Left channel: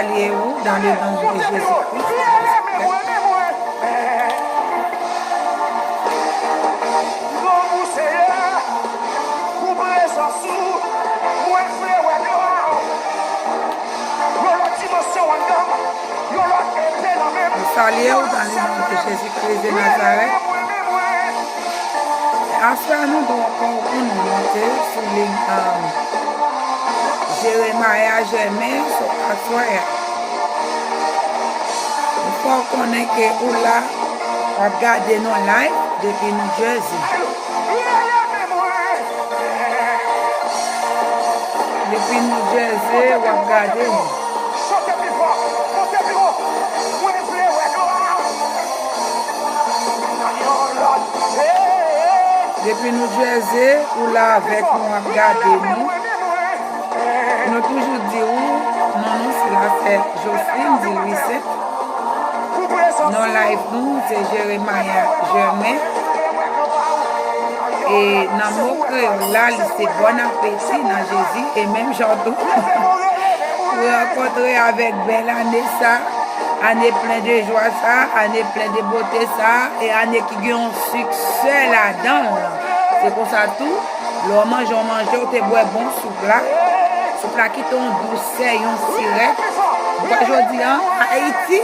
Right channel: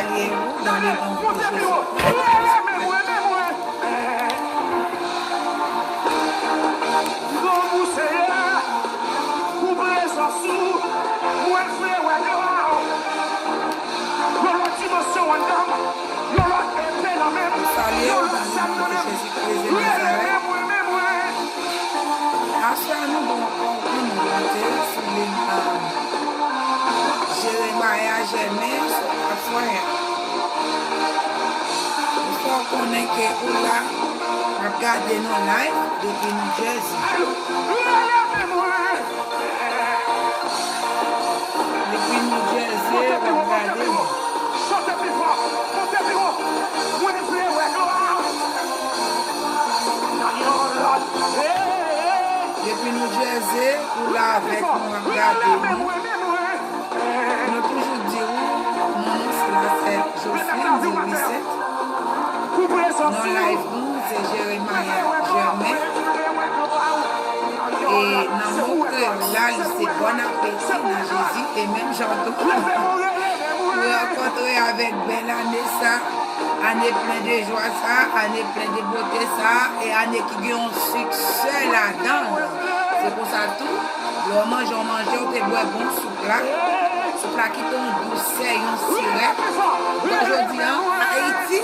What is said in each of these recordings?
saluer vous dans le nom de Jésus-Christ. Je salue vous dans le nom de Jésus-Christ de Nazareth. Ensuite, nous devons encore une montée sur les Jérémie Germain sur la soirée. Il faut qu'on ait que ou là, on regarde nos lives depuis New Jersey. Depuis New Jersey, on va regarder. Depuis New Jersey, ou là avec nous, regardez nous. Nous toujours dit où, non, c'est là, c'est Jocelyne, dit Lucette. Non, live nous, c'est Jérémie Germain. Et dans mon cœur, là, c'est bon appétit dans Jésus. Et même j'entends pour rencontrer avec belle année ça. Année plein de joie ça, année plein de beauté ça, et année qui a un succès là-dedans. C'est pour ça tout. L'on mange, on te boit bon soupe là. Soupe là qui tombe douceur, un sirop. Aujourd'hui, Haïti.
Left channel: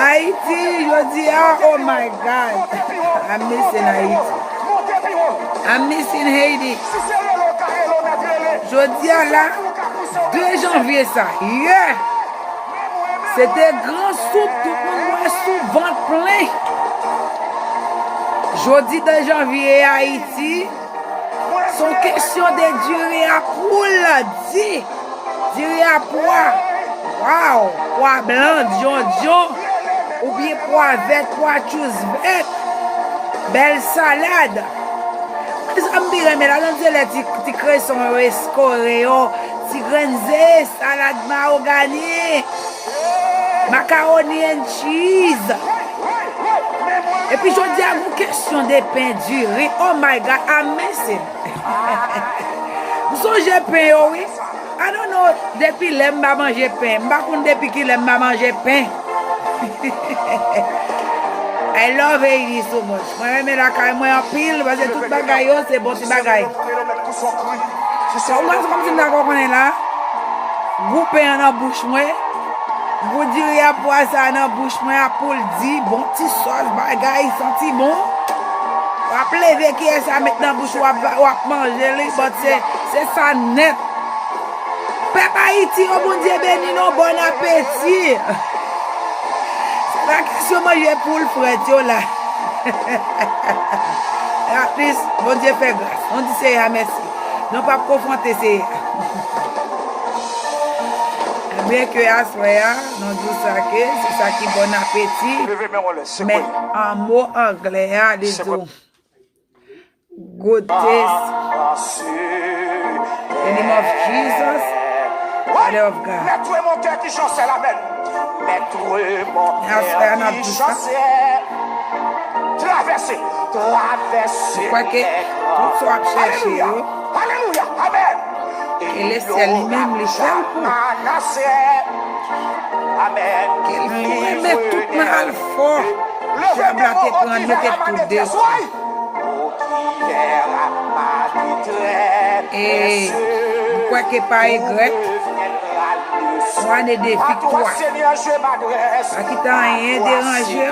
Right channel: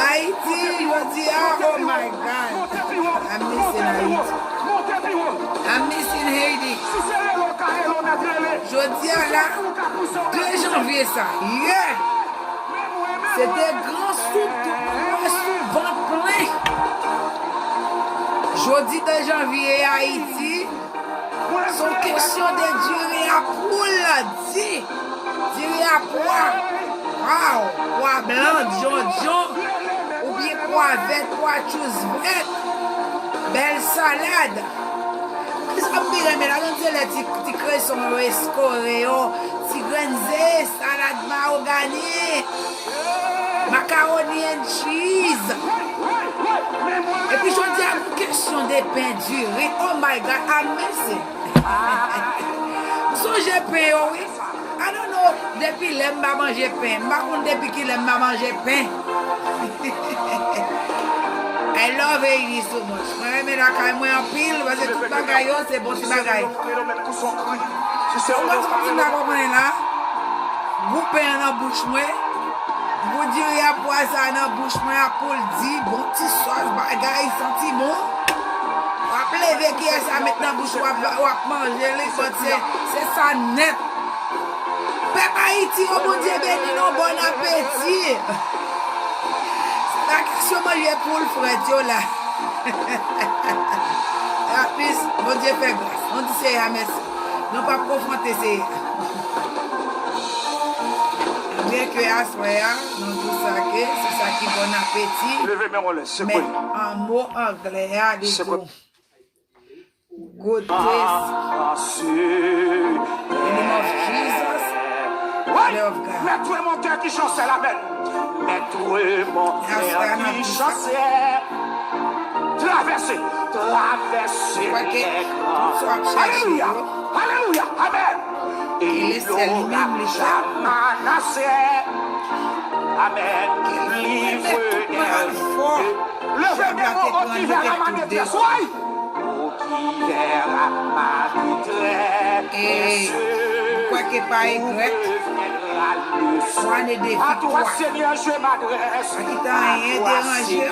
Haïti, je dis, oh my God. I'm missing Haïti. I'm missing Haiti. Je dis là, 2 janvier ça. Yeah! C'était grand soupe, tout le monde soupe, ventre plein. Jeudi 2 janvier Haïti, son question de durée à poule, durée à poids. Wow! Poids blanc, John, ou bien poids vert, poids chose vert. Belle salade. Ça me dit, mais là, tu crées son escoréo, tu grandes salade mahogany, macaroni and cheese. Et puis, je dis à vous, question de pain duré. Oh my God, I'm missing. Vous savez, pain, oui. I don't know, depuis que je mange pain. Je depuis que je mange pain. I love Haiti so much. Moi, j'aime la caille, moi, en pile, parce que tout bagaille, c'est bon, c'est bagaille. C'est comme si on est là. Vous payez dans la bouche, moi. Vous direz à poisson dans la bouche, moi, pour le dire, bon, petit sauce, bagaille, senti bon. Vous appelez qui est ça, mettre dans la bouche, ou à manger, c'est ça net. Peuple Haïti, oh mon Dieu, béni, non, bon appétit. La question manger pour le frère là. En plus, bon Dieu fait grâce. On dit c'est merci. Non pas confronter c'est. Bien que à soir, on dit ça que c'est ça qui bon appétit. Mais en mot anglais, les deux. Good taste. In the name of Jesus. Father of God. Mets-toi mon cœur qui chancelle la belle. Mets-toi mon cœur qui chancelle. Traverser. Je crois que tout soit cherché. Alléluia. Amen. Et laissez lui-même les chants. Amen. Qu'il met tout mal fort. J'aime la tête pour en mettre tout dessus. Et je crois que par grec, on a des victoires. À qui t'a rien dérangé,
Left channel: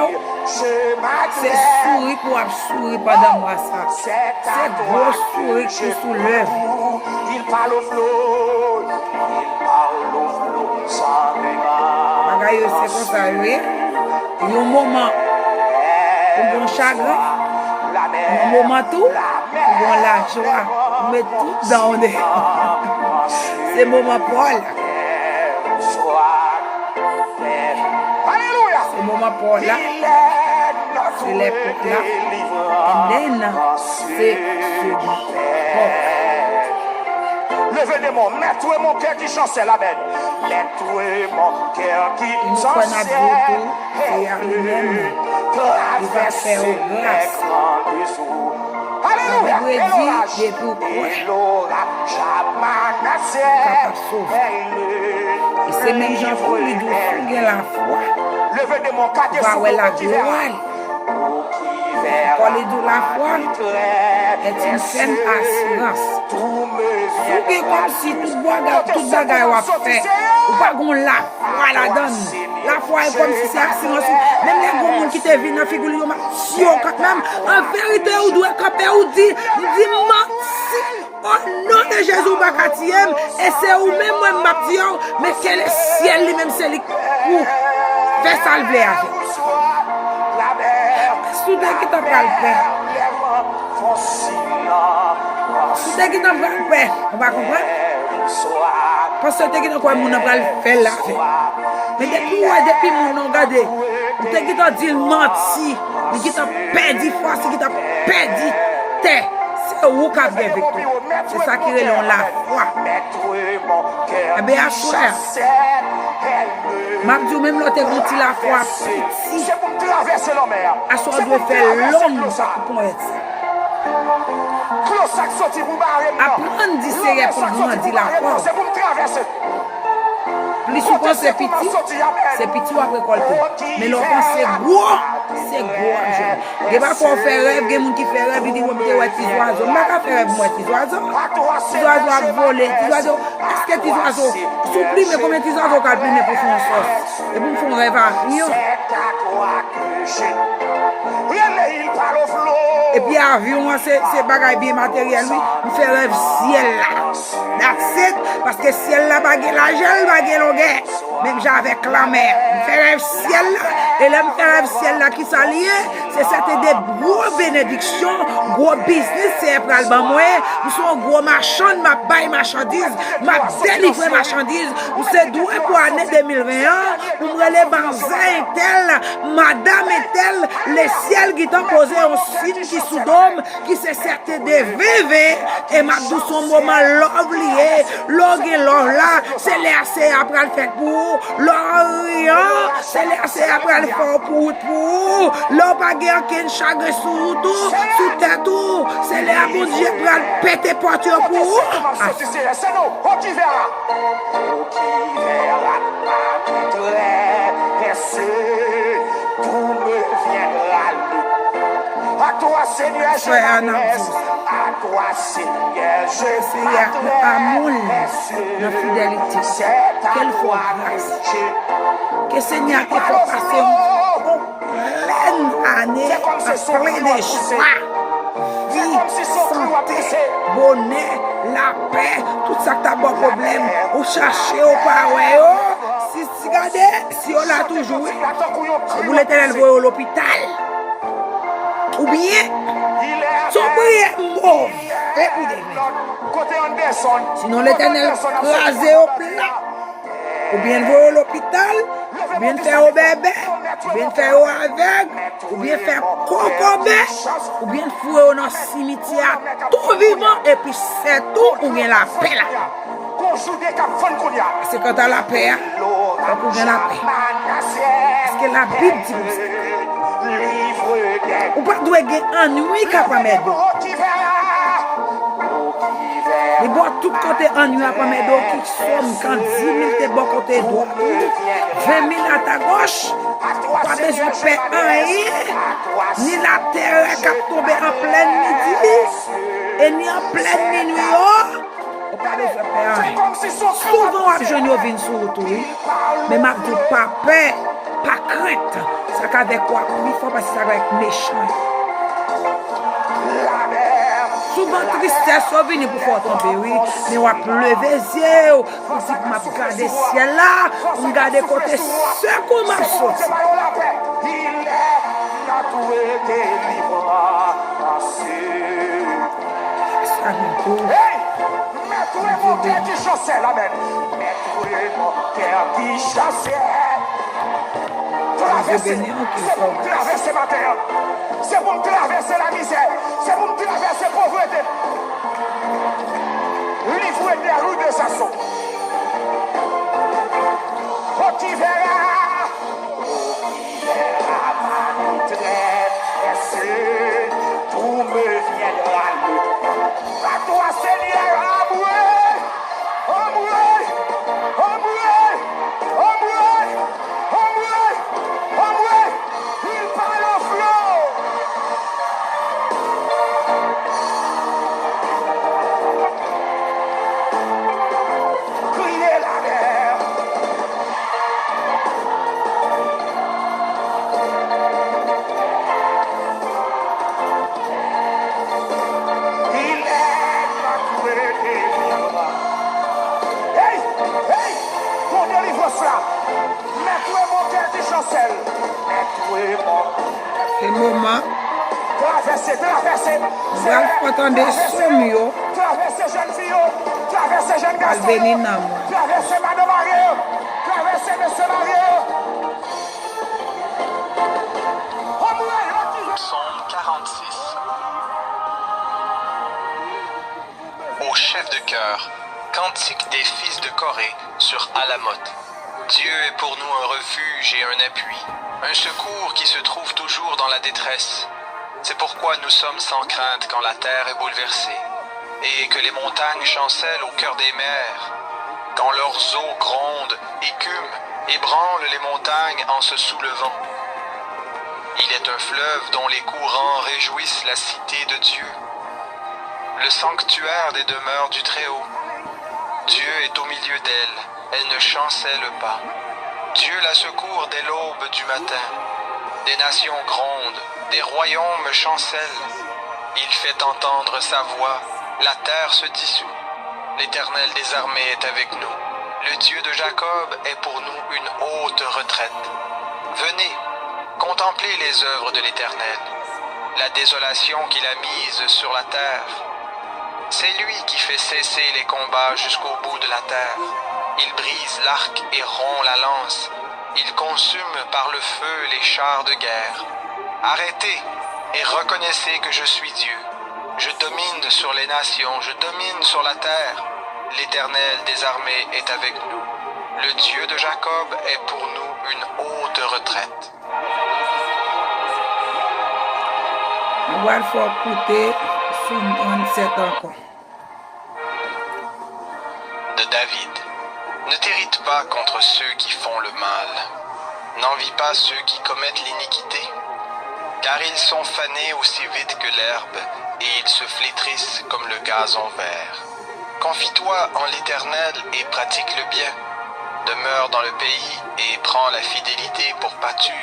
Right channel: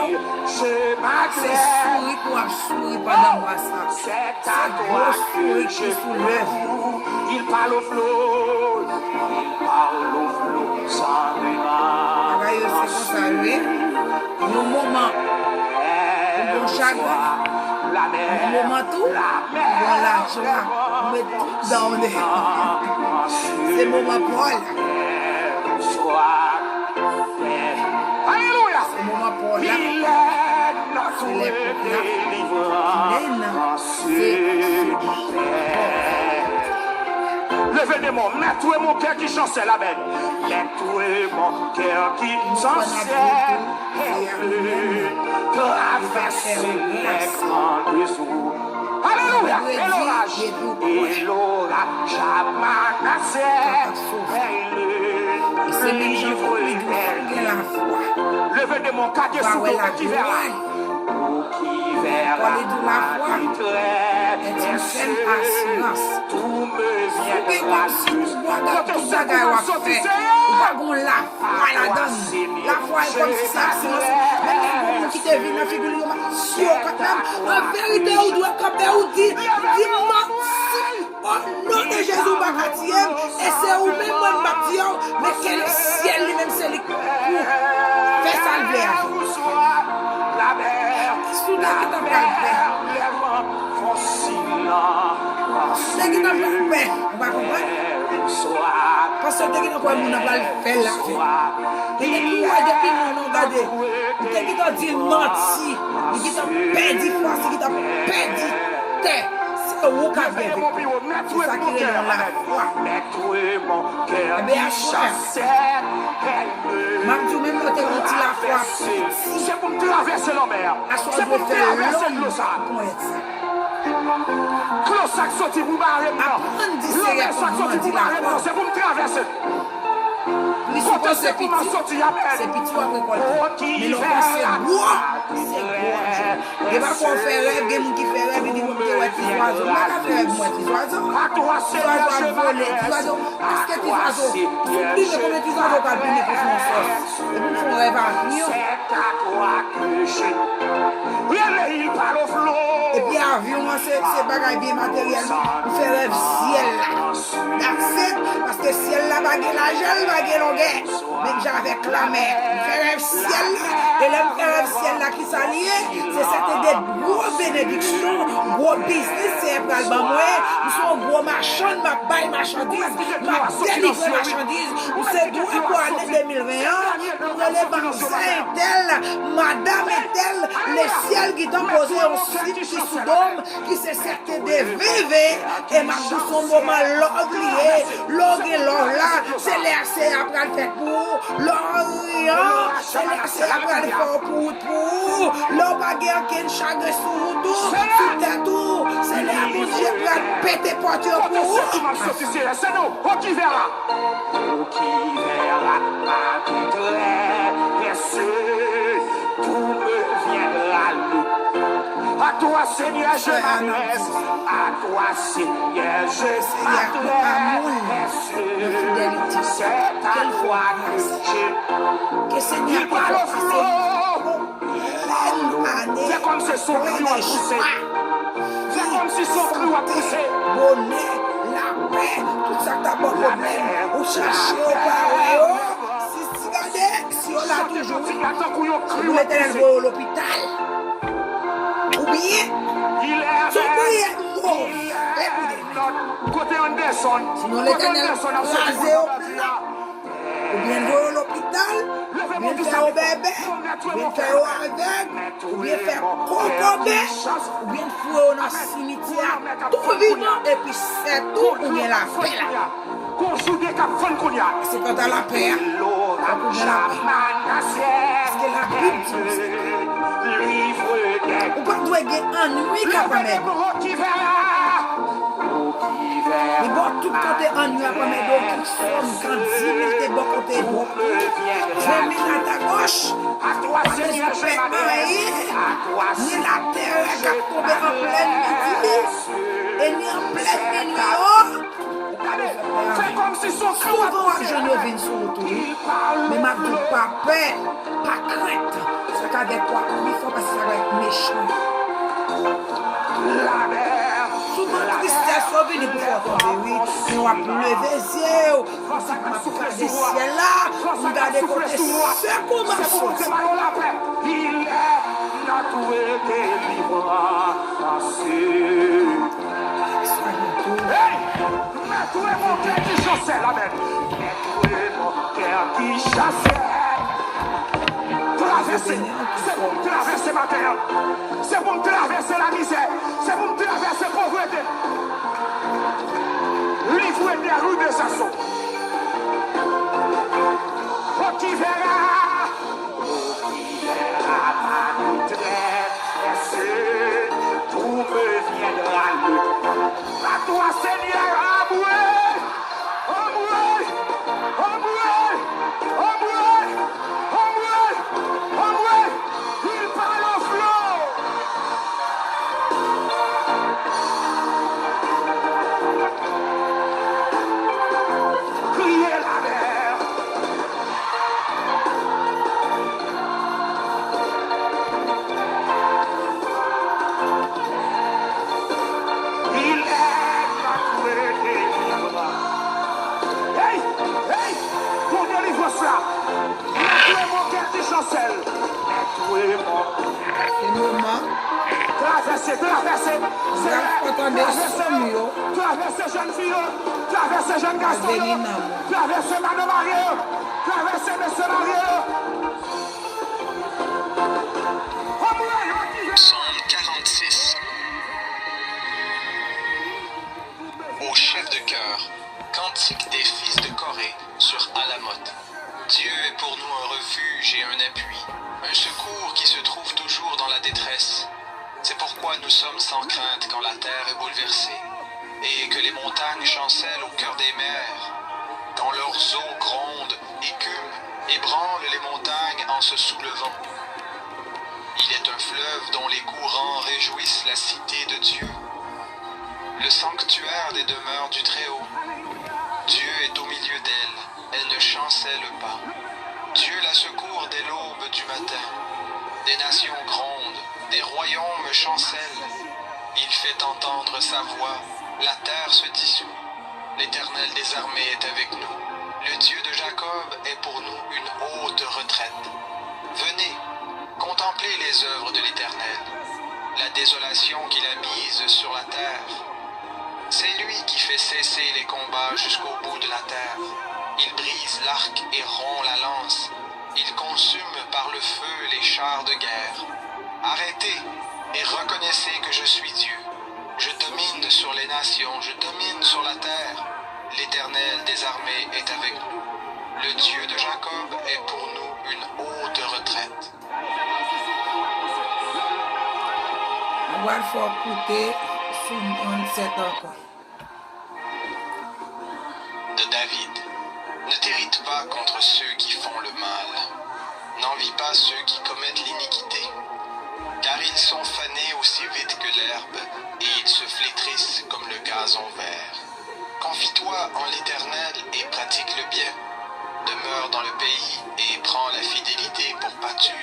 c'est sourire pour sourire pendant moi ça. C'est gros sourire qui soulève. Il parle au flot, Bagaille, c'est comme ça, oui. Il y a un moment pour bon chagrin, un moment tout, pour la joie, mais tout dans le c'est le moment Paul. Alléluia. C'est le moment Paul là. C'est l'époque là. Et maintenant, c'est Paul. Levez les mots, mets-toi mon cœur qui chancelle la belle. Mets-toi mon cœur qui chancelle. Traverser les grands dessous. Alléluia. vrai dit, et puis l'orage a menacé. et c'est même Jean pour lui dire, fouguer la foi. Levé de mon quartier Va sous ouais le la qui verra. gloire. Pour les de la foi est une saine assurance. Fouguer comme si tout bagage a fait. Ou pas qu'on la foi la donne. La foi est comme si c'est assurance. Même les gros monde qui te vivent dans la figure, si on quand même, en vérité, on doit camper ou dire, merci. Au nom de Jésus, Bakatiem, et c'est où même moi, ma dit, mais quel ciel lui-même, c'est lui pour faire salver avec. Soudain qui t'a pas le faire. Soudain qui t'a pas le faire. On va comprendre? Parce que tu as quoi, mon n'a pas le faire là. Mais depuis mon on regarde, tu as dit menti, tu as perdu force, tu as perdu terre. C'est où qu'a bien vécu. C'est ça qui est la foi. Eh bien, à soi. M'a dit même l'autre quand il la foi petit. C'est pour traverser la mer. À soi doit faire l'homme pour être. Apprendre dit c'est comment dit la foi. C'est pour me traverser. Les souvent c'est petit ou à récolter. Mais l'autre c'est gros. C'est gros. Il va qu'on fait rêve, il y a des gens qui fait rêve, ils disent ouais, petits oiseaux. Je ne vais pas faire rêve, moi, petits oiseaux. Petits oiseaux à voler. Petits oiseaux. Est-ce que petits oiseaux, supplie, mais combien de petits oiseaux qu'à plus pour faire une sauce? Et puis, ils font rêve à rien. Et puis, avion, c'est bagaille bien matériel. Nous faisons rêve ciel là. That's it. Parce que ciel là, baguette la gel, baguette longueur. Même j'avais la mer. Nous faisons rêve ciel là. Et là, nous faisons rêve ciel là qui s'allie. C'est c'était des gros bénédictions, gros business. C'est pour le moi. Nous sommes gros marchands, ma baille marchandises, ma délivrer marchandises. Nous sommes doués pour l'année 2021. Nous sommes les banzins tels, madame et tels, les ciels qui t'ont posé un site qui sous dôme, qui se certain de VV. Et ma douce son moment l'oublié, l'og et l'or là, c'est les assez après le fait pour, l'orient, c'est les assez après le faire pour, l'or baguette qui est chagrin sous tout, sous tête tout, c'est les à bon Dieu pour le péter porteur pour. C'est nous, on qui verra. On qui verra, tout me viendra lui. À toi, Seigneur, je m'adresse. À toi, Seigneur, je m'adresse. Amour, la fidélité. Quelle fois grâce. Que Seigneur te fait passer pleine année à plein de joie. Vie, santé, bonheur, la paix, tout ça t'as bon problème. Ou chercher au power. Si regardez, si on l'a toujours, vous l'éternel voit à l'hôpital. Ou bien, son prière mort. Sinon l'éternel rasé au plat. Ou bien voir à l'hôpital, ou bien faire au bébé, ou bien faire au aveugle, ou bien faire cocobé, ou bien fouer dans le cimetière, tout vivant, et puis c'est tout, ou bien la paix là. C'est quand t'as la paix, on bien la paix. Parce que la Bible dit comme ça. Ou pas doit gagner ennui qu'après mes dos. Mais bon, tout côté ennui après mes dos qui somme quand 10 000 t'es bon côté droit, 20 000 à ta gauche, pas besoin de faire rien, ni la terre qui a tombé en pleine midi, et ni en pleine minuit. On pas besoin de faire rien. Souvent, les jeunes viennent sur le tour, mais ma dis pas peur, pas crainte. C'est qu'avec quoi? Il faut passer ça avec méchant. Souvent, tristesse, on vient pour faire tomber, oui. Mais on va lever les yeux, on dit qu'on va regarder le ciel là, on regarde le côté, c'est comment sortir. Il est notre délivrance. Mets-toi mon cœur qui chassait, amen. Mets-toi mon cœur qui chassait. C'est pour me traverser ma terre. C'est pour me traverser la misère. C'est pour me traverser la pauvreté. Livre des rues de Sasson. Oh, qui verra ma détresse. Tout me viendra le Gal entende som yo. Traverser jeune fille, traverser jeune Al garçon, veni nan mou. traverser madame mariée, traverser monsieur marié. Psaume 46. Au chef de chœur, cantique des fils de Corée sur Alamoth. Dieu est pour nous un refuge et un appui, un secours qui se trouve toujours dans la détresse. C'est pourquoi nous sommes sans crainte quand la terre est bouleversée, et que les montagnes chancellent au cœur des mers, quand leurs eaux grondent, écument, ébranlent les montagnes en se soulevant. Il est un fleuve dont les courants réjouissent la cité de Dieu, le sanctuaire des demeures du Très-Haut. Dieu est au milieu d'elle, elle ne chancelle pas. Dieu la secourt dès l'aube du matin. Des nations grondent, des royaumes chancellent. Il fait entendre sa voix, la terre se dissout. L'Éternel des armées est avec nous. Le Dieu de Jacob est pour nous une haute retraite. Venez, contemplez les œuvres de l'Éternel, la désolation qu'il a mise sur la terre. C'est lui qui fait cesser les combats jusqu'au bout de la terre. Il brise l'arc et rompt la lance. Il consume par le feu les chars de guerre. Arrêtez et reconnaissez que je suis Dieu. Je domine sur les nations, je domine sur la terre. L'Éternel des armées est avec nous. Le Dieu de Jacob est pour nous une haute retraite. Mwen wal fò koute sou mwen set ankon. De David. Ne t'irrite pas contre ceux qui font le mal. N'envie pas ceux qui commettent l'iniquité. Car ils sont fanés aussi vite que l'herbe, et ils se flétrissent comme le gazon vert. Confie-toi en l'Éternel et pratique le bien. Demeure dans le pays et prends la fidélité pour pâture.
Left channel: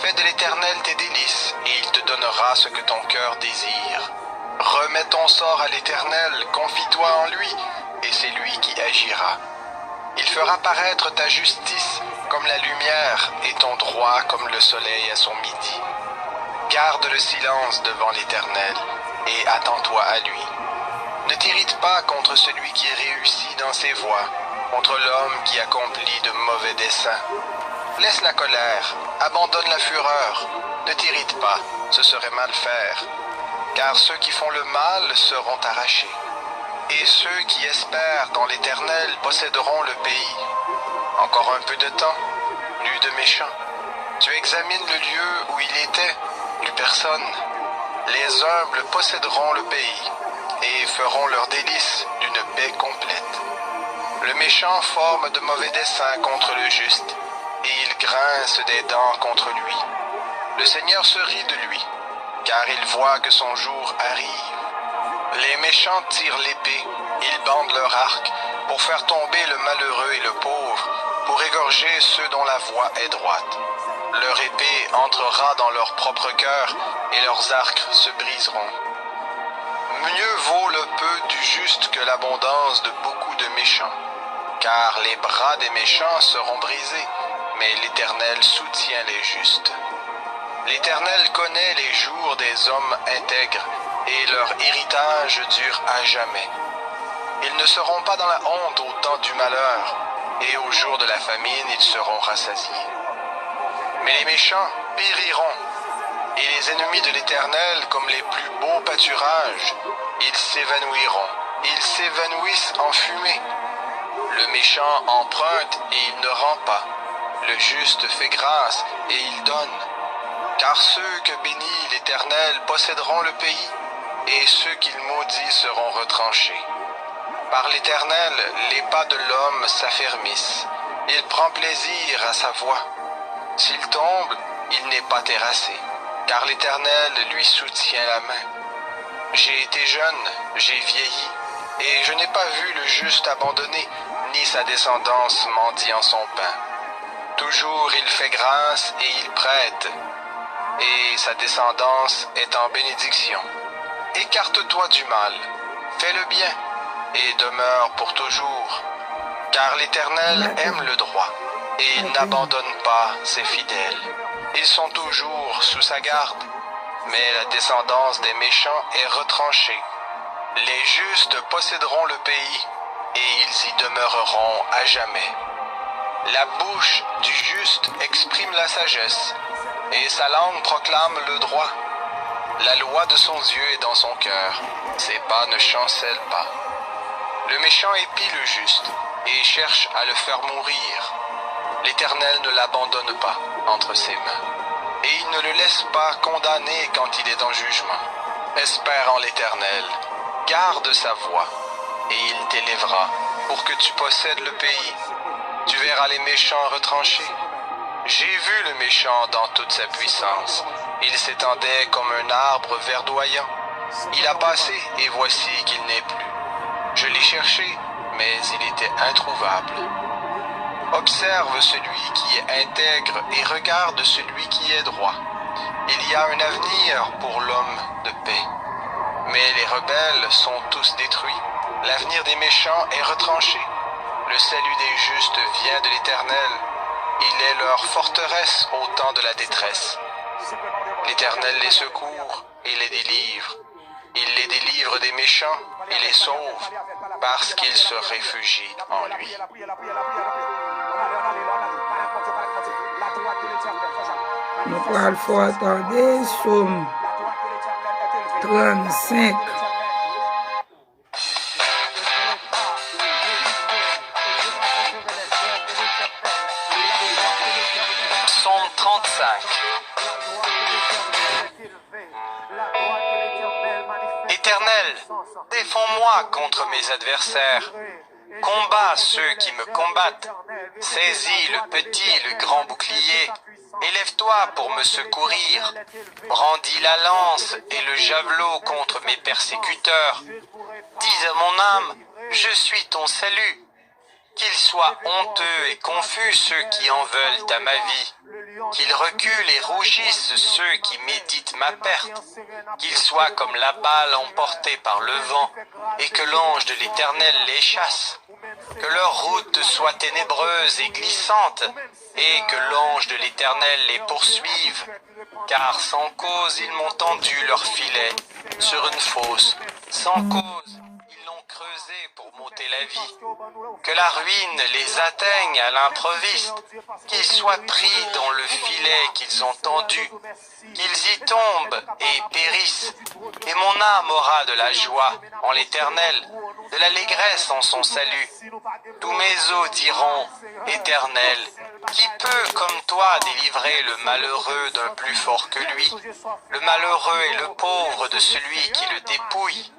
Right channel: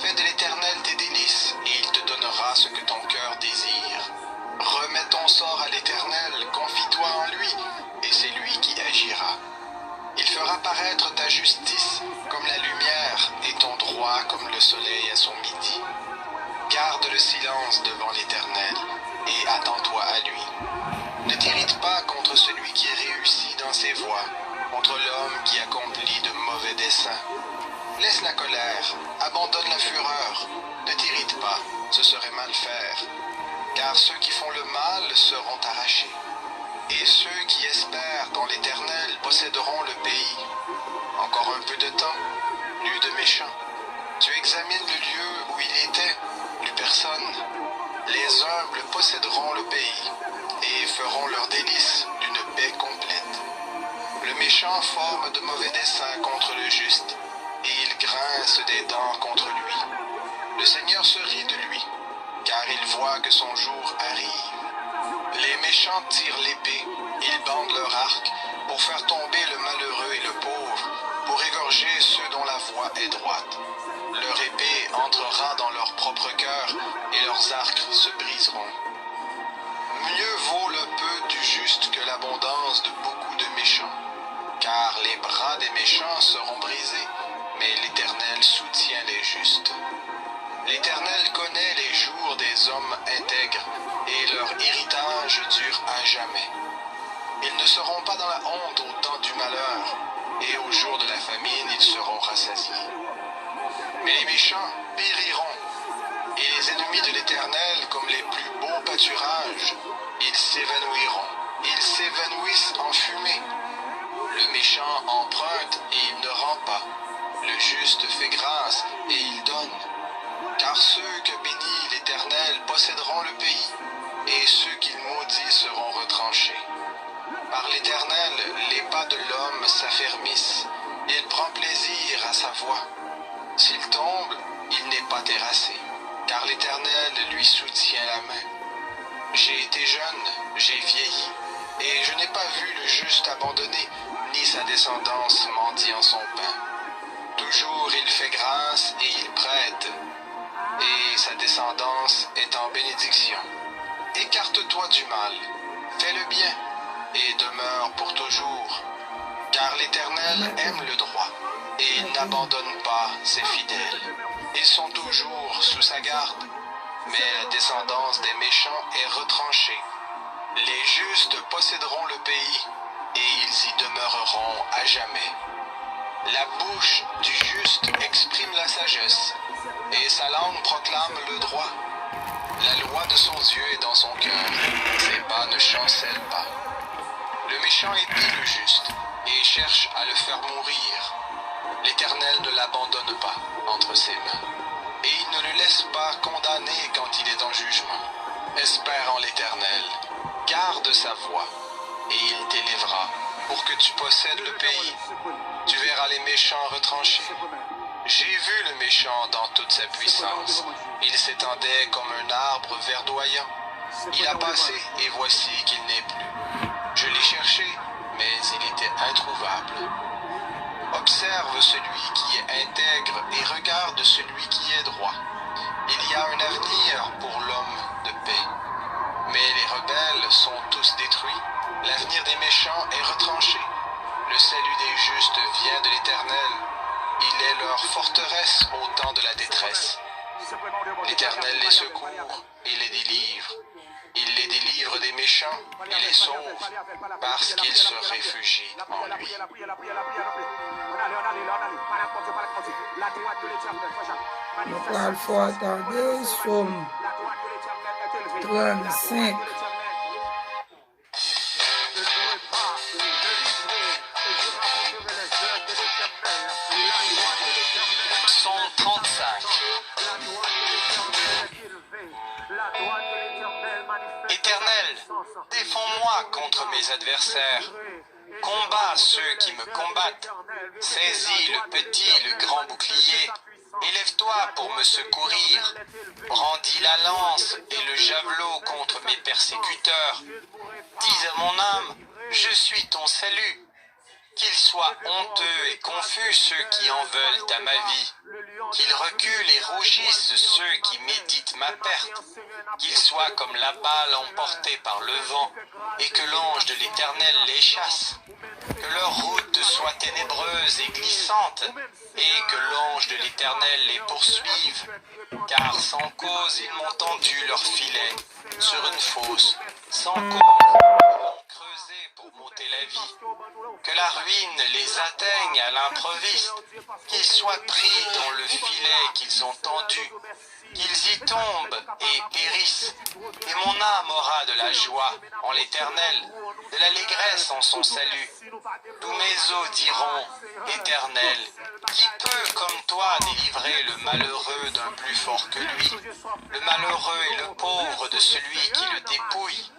Fais de l'Éternel tes délices, et il te donnera ce que ton cœur désire. Remets ton sort à l'Éternel, confie-toi en lui, et c'est lui qui agira. Il fera paraître ta justice comme la lumière et ton droit comme le soleil à son midi. Garde le silence devant l'Éternel, et attends-toi à lui. Ne t'irrite pas contre celui qui réussit dans ses voies, contre l'homme qui accomplit de mauvais desseins. Laisse la colère, abandonne la fureur, ne t'irrite pas, ce serait mal faire, car ceux qui font le mal seront arrachés, et ceux qui espèrent dans l'Éternel posséderont le pays. Encore un peu de temps, plus de méchants. Tu examines le lieu où il était, plus personne. Les humbles posséderont le pays, et feront leur délice d'une paix complète. Le méchant forme de mauvais desseins contre le juste, et il grince des dents contre lui. Le Seigneur se rit de lui, car il voit que son jour arrive. Les méchants tirent l'épée, ils bandent leur arc, pour faire tomber le malheureux et le pauvre, pour égorger ceux dont la voie est droite. Leur épée entrera dans leur propre cœur, et leurs arcs se briseront. Mieux vaut le peu du juste que l'abondance de beaucoup de méchants, car les bras des méchants seront brisés, mais l'Éternel soutient les justes. L'Éternel connaît les jours des hommes intègres, et leur héritage dure à jamais. Ils ne seront pas dans la honte au temps du malheur, et au jour de la famine ils seront rassasiés. Mais les méchants périront, et les ennemis de l'Éternel, comme les plus beaux pâturages, ils s'évanouiront, ils s'évanouissent en fumée. Le méchant emprunte et il ne rend pas. Le juste fait grâce et il donne. Car ceux que bénit l'Éternel posséderont le pays, et ceux qu'il maudit seront retranchés. Par l'Éternel, les pas de l'homme s'affermissent. Il prend plaisir à sa voie. S'il tombe, il n'est pas terrassé, car l'Éternel lui soutient la main. J'ai été jeune, j'ai vieilli, et je n'ai pas vu le juste abandonné, ni sa descendance mendiant son pain. Toujours il fait grâce et il prête, et sa descendance est en bénédiction. Écarte-toi du mal, fais le bien, et demeure pour toujours, car l'Éternel aime le droit, et il n'abandonne pas ses fidèles. Ils sont toujours sous sa garde. mais la descendance des méchants est retranchée. Les justes posséderont le pays, et ils y demeureront à jamais. La bouche du juste exprime la sagesse, et sa langue proclame le droit. La loi de son Dieu est dans son cœur, ses pas ne chancellent pas. Le méchant épie le juste, et cherche à le faire mourir. L'Éternel ne l'abandonne pas entre ses mains, et il ne le laisse pas condamner quand il est en jugement. Espère en l'Éternel, garde sa voie, et il t'élèvera pour que tu possèdes le pays. Tu verras les méchants retranchés. J'ai vu le méchant dans toute sa puissance. Il s'étendait comme un arbre verdoyant. Il a passé, et voici qu'il n'est plus. Je l'ai cherché, mais il était introuvable. Observe celui qui est intègre et regarde celui qui est droit. Il y a un avenir pour l'homme de paix. Mais les rebelles sont tous détruits. L'avenir des méchants est retranché. Le salut des justes vient de l'Éternel. Il est leur forteresse au temps de la détresse. L'Éternel les secourt et les délivre. Il les délivre des méchants et les sauve parce qu'ils se réfugient en lui. Il faut attendre Somme 35. Psaume 35. Éternel, défends-moi contre mes adversaires. Combat ceux qui me combattent. Saisis le petit, le grand bouclier. Élève-toi pour me secourir. Brandis la lance et le javelot contre mes persécuteurs. Dis à mon âme, je suis ton salut. Qu'ils soient honteux et confus ceux qui en veulent à ma vie. Qu'ils reculent et rougissent ceux qui méditent ma perte. Qu'ils soient comme la balle emportée par le vent, et que l'ange de l'Éternel les chasse. Que leur route soit ténébreuse et glissante, et que l'ange de l'Éternel les poursuive. Car sans cause ils m'ont tendu leur filet sur une fosse. Sans cause ils l'ont creusé pour m'ôter la vie. Que la ruine les atteigne à l'improviste, qu'ils soient pris dans le filet qu'ils ont tendu, qu'ils y tombent et périssent. Et mon âme aura de la joie en l'Éternel, de l'allégresse en son salut. Tous mes os diront, Éternel, qui peut comme toi délivrer le malheureux d'un plus fort que lui, le malheureux et le pauvre de celui qui le dépouille?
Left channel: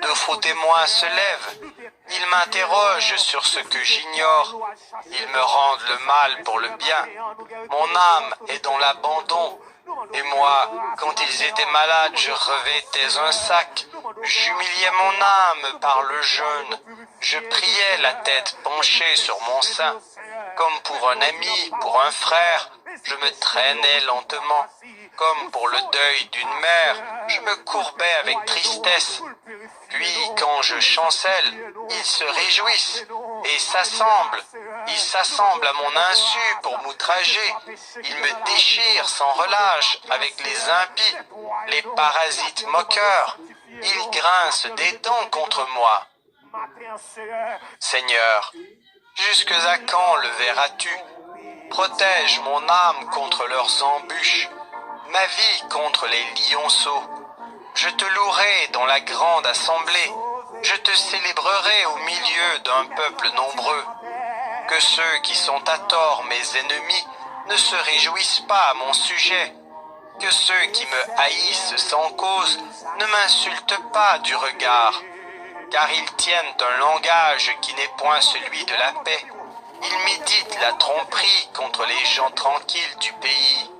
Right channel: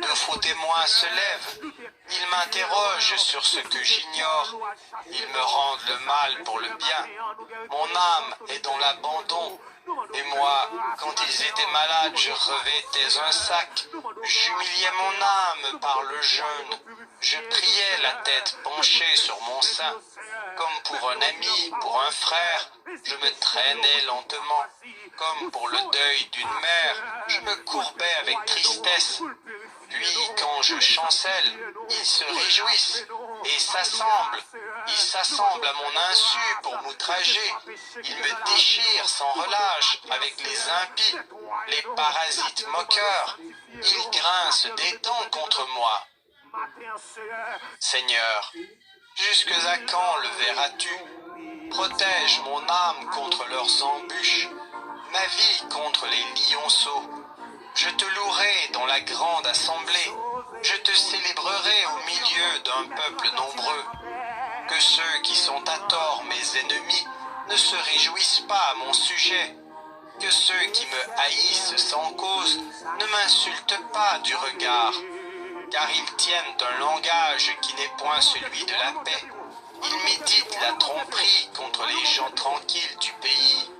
De faux témoins se lèvent. Ils m'interrogent sur ce que j'ignore. Ils me rendent le mal pour le bien. Mon âme est dans l'abandon. Et moi, quand ils étaient malades, je revêtais un sac. J'humiliais mon âme par le jeûne. Je priais la tête penchée sur mon sein. Comme pour un ami, pour un frère, je me traînais lentement. Comme pour le deuil d'une mère, je me courbais avec tristesse. Puis, quand je chancelle, ils se réjouissent et s'assemblent. Ils s'assemblent à mon insu pour m'outrager. Ils me déchirent sans relâche avec les impies, les parasites moqueurs. Ils grincent des dents contre moi. Seigneur, jusque à quand le verras-tu? Protège mon âme contre leurs embûches, ma vie contre les lionceaux. Je te louerai dans la grande assemblée, je te célébrerai au milieu d'un peuple nombreux. Que ceux qui sont à tort mes ennemis ne se réjouissent pas à mon sujet. Que ceux qui me haïssent sans cause ne m'insultent pas du regard. Car ils tiennent un langage qui n'est point celui de la paix. Ils méditent la tromperie contre les gens tranquilles du pays.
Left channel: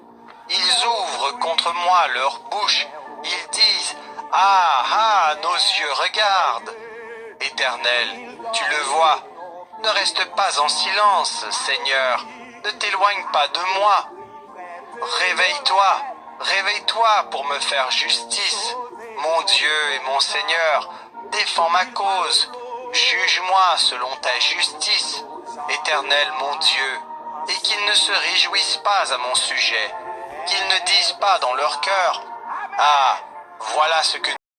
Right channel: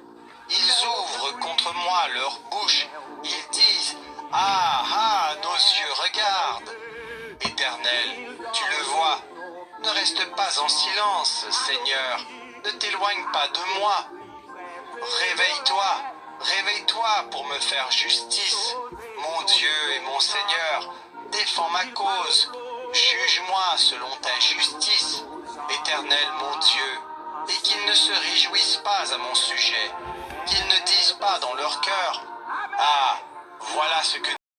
Ils ouvrent contre moi leur bouche. Ils disent « Ah, ah, nos yeux regardent !» Éternel, tu le vois. Ne reste pas en silence, Seigneur. Ne t'éloigne pas de moi. Réveille-toi, réveille-toi pour me faire justice. Mon Dieu et mon Seigneur, défends ma cause. Juge-moi selon ta justice, Éternel mon Dieu, et qu'ils ne se réjouissent pas à mon sujet, qu'ils ne disent pas dans leur cœur, Ah, voilà ce que